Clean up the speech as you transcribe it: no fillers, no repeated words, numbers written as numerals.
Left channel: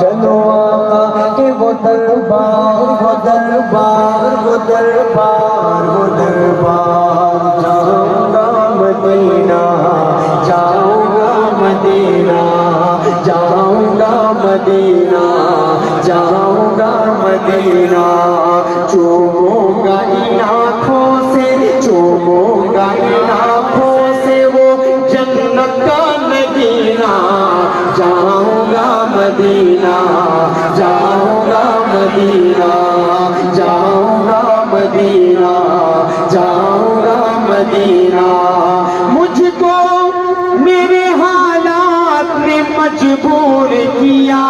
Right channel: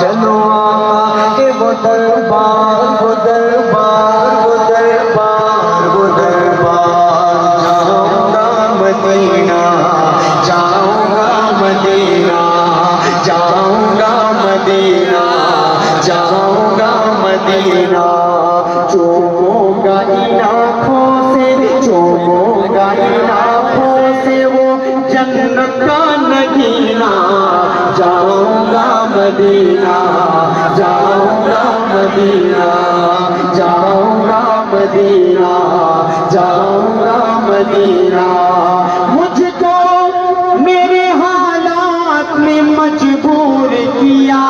چلو کہ وہ دربار وہ دربار وہ دربار وہ دربار جاؤں گا مدینہ جاؤں گا مدینہ جاؤں گا مدینہ جاؤں گا مدینہ چوموں گا ان آنکھوں سے چوموں گا ان آنکھوں سے وہ جنت کا مدینہ جاؤں گا مدینہ جاؤں گا مدینہ جاؤں گا مدینہ جاؤں گا مدینہ مجھ کو میری حالات نے مجبور کیا